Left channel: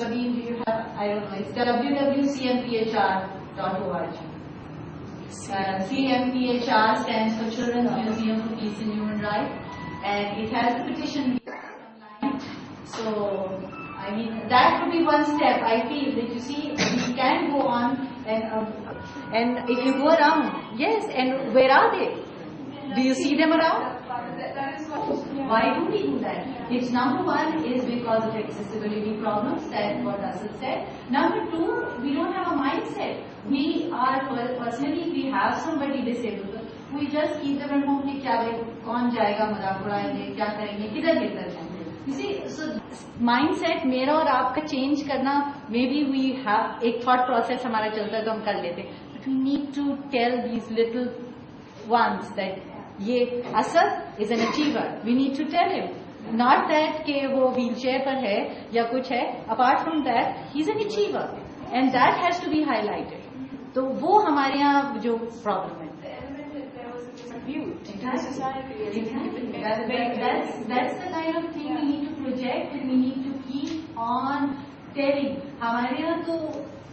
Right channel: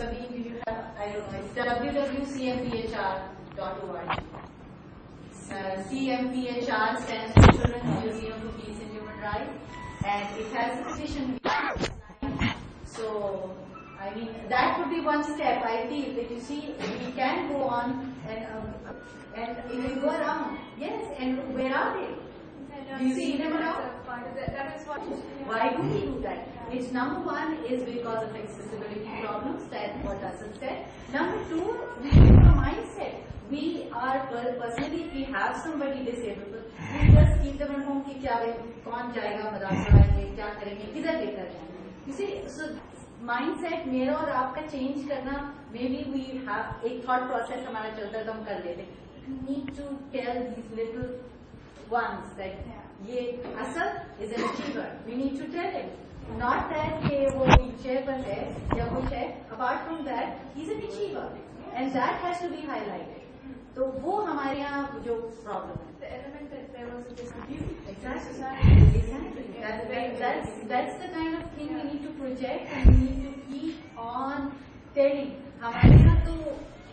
Sabine, do you have, I don't know, it's www.cmphr.org. CMPHR stands for Children's Museum for Peace and Human Rights, and it has a petition. So, I mean, that would be one step. I feel that you see, we can go on and if you go around, yes, and where are they? Do you see them around? Why do we do that? It's number one is because of accessibility problems, that what Asad said. Number two, we don't have a mindset. We are, well, personally, we have somebody disabled. We just keep them at home, कि क्या कौन जाएगा मजाक उड़ाएंगे, क्या करेंगे, किधर लेकर जाएंगे. You see, so mindset मेरा और आपका change करना, maybe we have एक thought process हमारा चलता है तो हम कर लेते हैं. But we need to tell these little ones that ये Asad is an achiever. We need to tell him. Not that कि वो wheelchair पर है या कुछ है. Apart from that, he's an achiever, and that has to be highlighted. तो वो हमारे यहाँ जो problem है. That's the kind of thing we need to project, and we need to keep on telling. हमारे यहाँ तो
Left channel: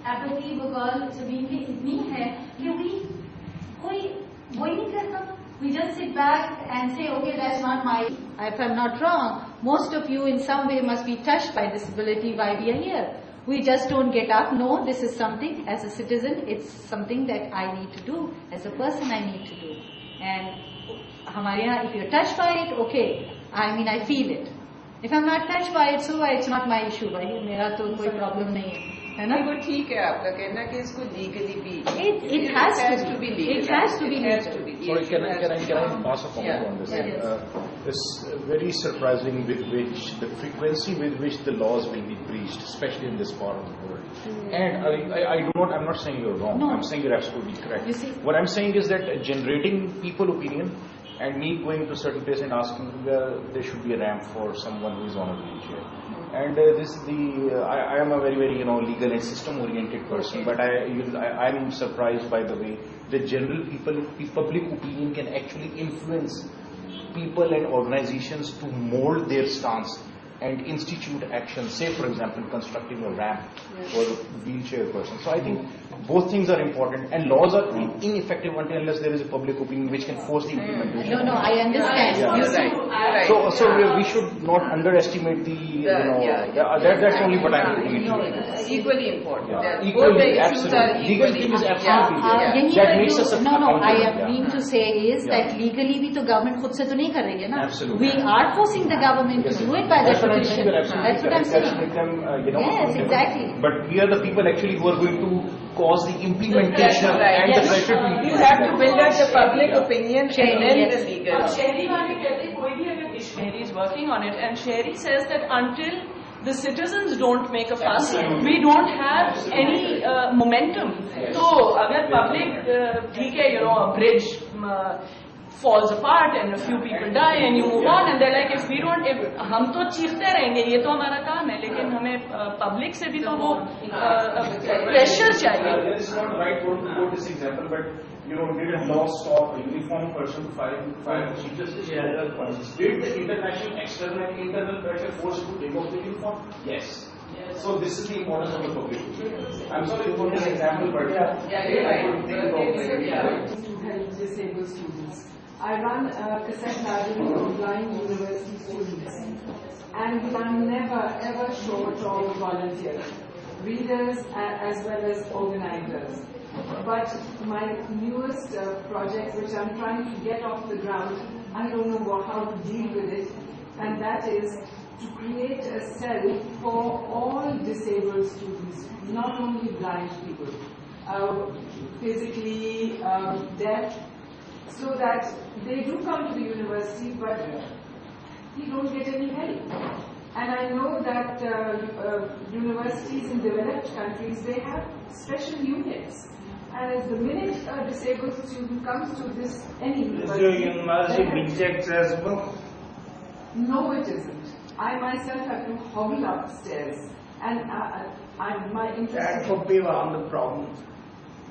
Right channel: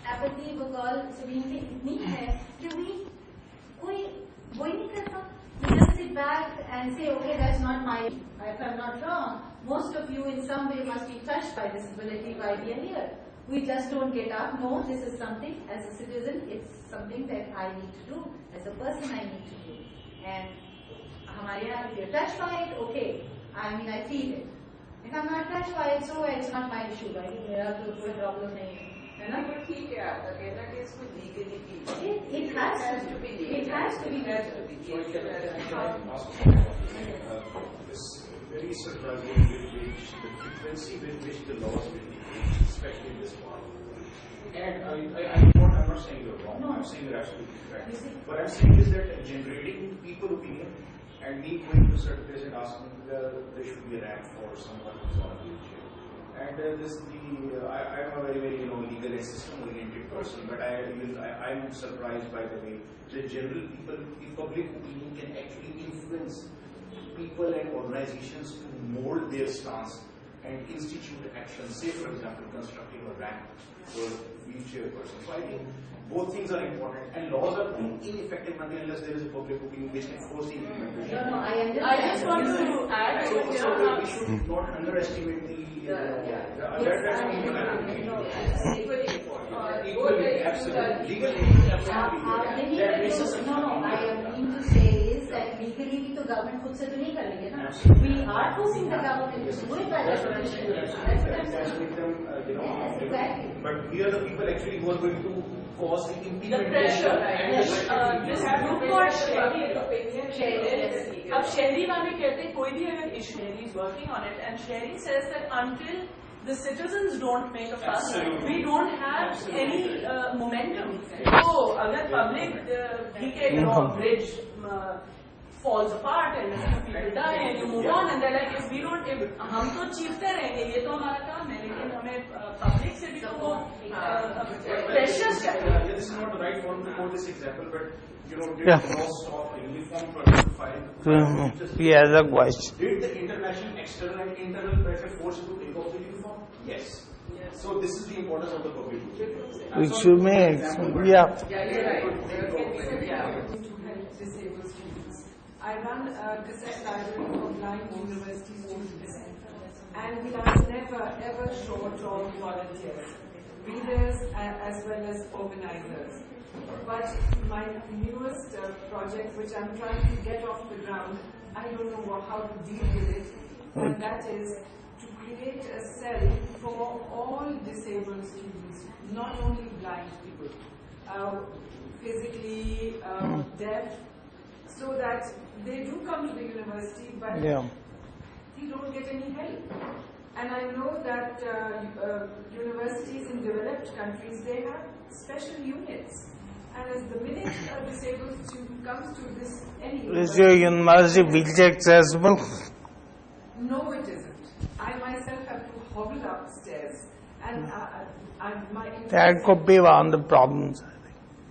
apathy बगौर ज़मीन पे इतनी है कि कोई वही नहीं करता. We just sit back and say, okay, that's not my. If I'm not wrong, most of you in some way must be touched by disability while we are here. We just don't get up. No, this is something, as a citizen, it's something that I need to do. As a person, I need to do. And if you're touched by it, okay. I mean, I feel it. If I'm not touched by it, so it's not my issue, right? मेरा तो कोई problem नहीं है. है ना? वो ठीक है आपका कहना कि इसको legally भी. It has to be legal. It has to be legal. Sorry, can I pass a comment on this? It's very surprising with which the frequency with which the laws will be breached, especially in this part of the world. And I'm not saying you're wrong. No. I'm saying you're absolutely correct. You see, what I'm saying is that generating people opinion and me going to a certain place and asking there should be a ramp for someone who is on a wheelchair. And this is I am a very, very legal and system oriented person, but I'm surprised by the way the general public opinion can actually influence people and organizations to mold their stance and institute action. Say, for example, constructing a ramp for a wheelchair person. So I think both things are important, and laws are ineffective unless there is a public opinion which can force the implementation. No, I understand. Yeah. So we should not underestimate that's only what I'm repeating. Equally important. Yeah. Equally, absolutely. Legally is absolutely. That makes us I mean to say is that legally भी तो government खुद से तो नहीं करेंगे ना. Absolutely. We are forcing the government to do it by the petition. That's what I'm saying. Yes, exactly. But we are the people actually who are going to cause the implementation and the pressure to implement. You have to build up the public opinion and then the legal. Shehri वाले कहते हैं कोई भी अगर issue is working on it, and Shehri says that until the citizens don't make a fuss, we don't have any momentum. So अगर public ठीक है, a bridge falls apart and a few people die and you move on, and they're like, if we don't, हम तो चीखते रहेंगे, ये तो हमारा काम है, लेकिन हमें public से भी तो वो pressure चाहिए. It's not right for to quote this example, but did law stop a uniform person to file? He has a question. Did the international external and internal pressure force you to take off the uniform? Yes. So this is the importance of the public. You may, yeah. To help disabled students. I run a cassette library for blind university students, and I'm never ever short on volunteers, readers as well as organizers. But my newest project, which I'm trying to get off the ground, I don't know how to deal with it, and that is to create a cell for all disabled students, not only blind people, physically deaf, so that they do come to the university, but they don't get any help. And I know that universities in developed countries, they have special units. And as the minute a disabled student comes to any Is your university wheelchair accessible? No, it isn't. I myself have to hobble upstairs, and my interest. That could be one of the problems.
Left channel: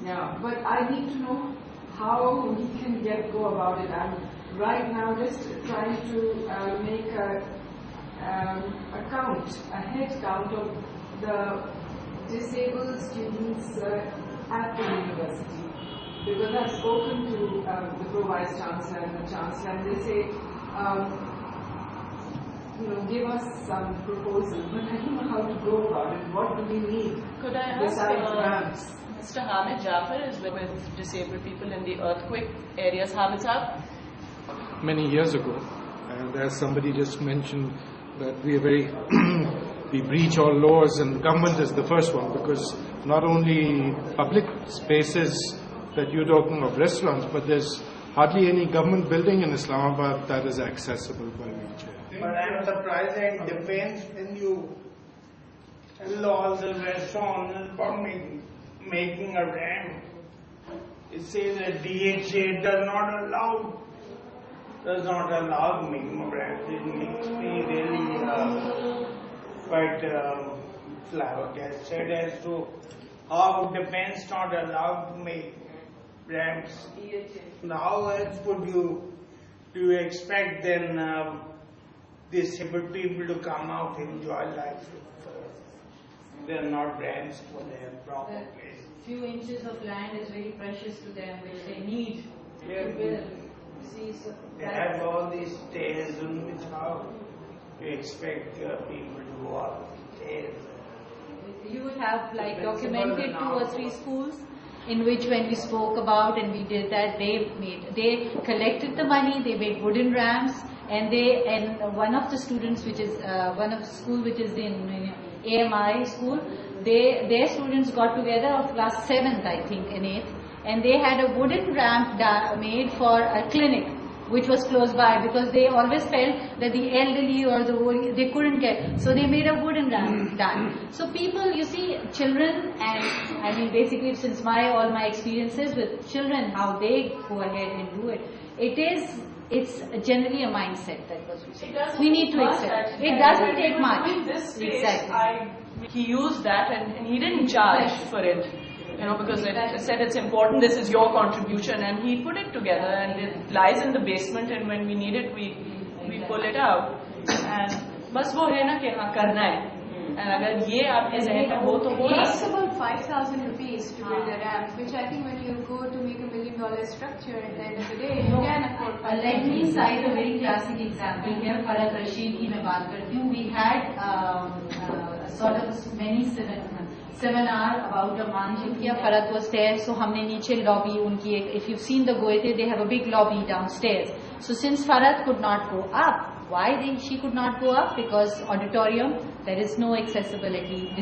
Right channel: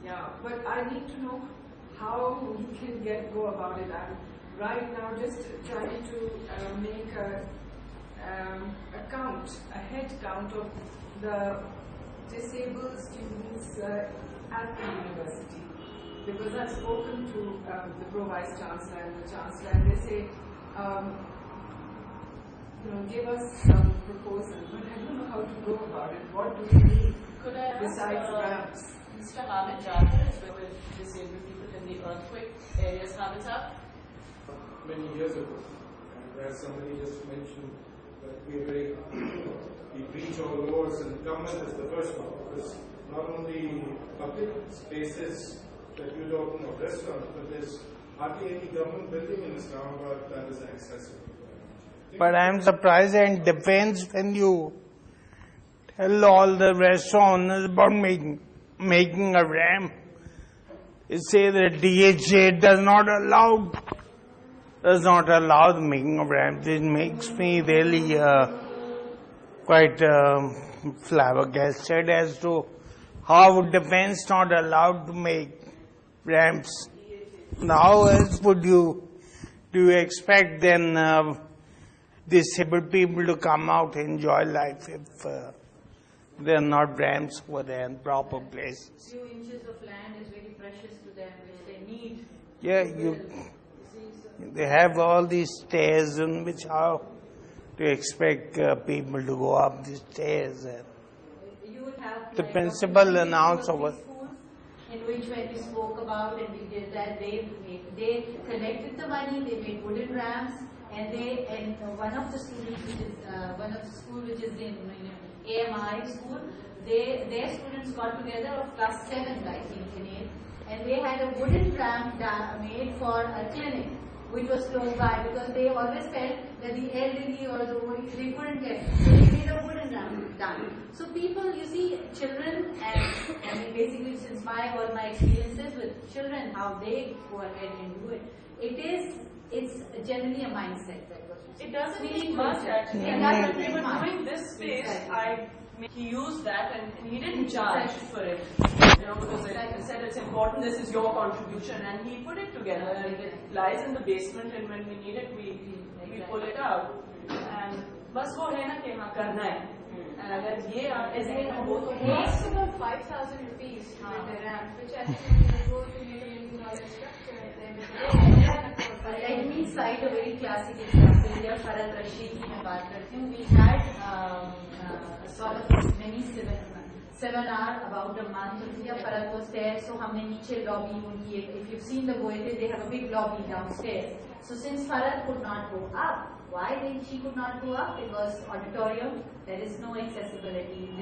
Yeah, but I need to know how we can go about it. I'm right now just trying to make a head count of the disabled students at the university. Because I've spoken to the Pro-Vice Chancellor and the Chancellor, and they say, give us some proposal, but I don't know how to go about it. What do we need Could I ask besides ramps? Mr. Hamid Jafar is with disabled people in the earthquake areas. Hamid Saab? Many years ago, and as somebody just mentioned, that we are very we breach all laws, and government is the first one, because not only public spaces that you're talking of, restaurants, but there's hardly any government building in Islamabad that is accessible by wheelchair. But I'm surprised and defense when you tell all the restaurant owners about making a ramp. It says that DHA does not allow the making of ramps. It makes me really quite flabbergasted as to how defense not allowed to make ramps. How else do you expect then disabled people to come out and enjoy life if there are not ramps for their proper place? Few inches of land is very precious to them, which they need. Yeah, they have all these stairs on which how to expect people to go up the stairs. You would have The like principal documented announced 2 or 3 over- schools in which when we spoke about and we did that, they collected the money, they made wooden ramps, and one of the students, which is one of the school which is in AMI school, their students got together of class 7th, I think, and 8th, and they had a wooden ramp made for a clinic which was close by, because they always felt that the elderly or the old, they couldn't get, so they made a wooden ramp done. So people, you see, children, and I mean basically since all my experiences with children, how they go ahead and do it, it's generally a mindset that goes. We need to accept. It doesn't take much. In this space, Exactly. he used that and he didn't charge for it, because it said it's important, this is your contribution, and he put it together, and it lies in the basement, and when we need it, we pull it out. And बस वो है ना कि हाँ करना है, and अगर ये आपके ज़हन में हो तो It costs about 5,000 rupees to build a ramp, which I think when you go to make $1 million structure at the end of the day, you can afford. Let me cite a very classic example here. Farad Rashid की मैं बात करती हूँ. We had sort of many seminar about the Manjifia. Farad was there, so हमने नीचे lobby उनकी, if you've seen the Goethe, they have a big lobby downstairs. So since Farad could not go up, why she could not go up? Because auditorium, there is no accessibility.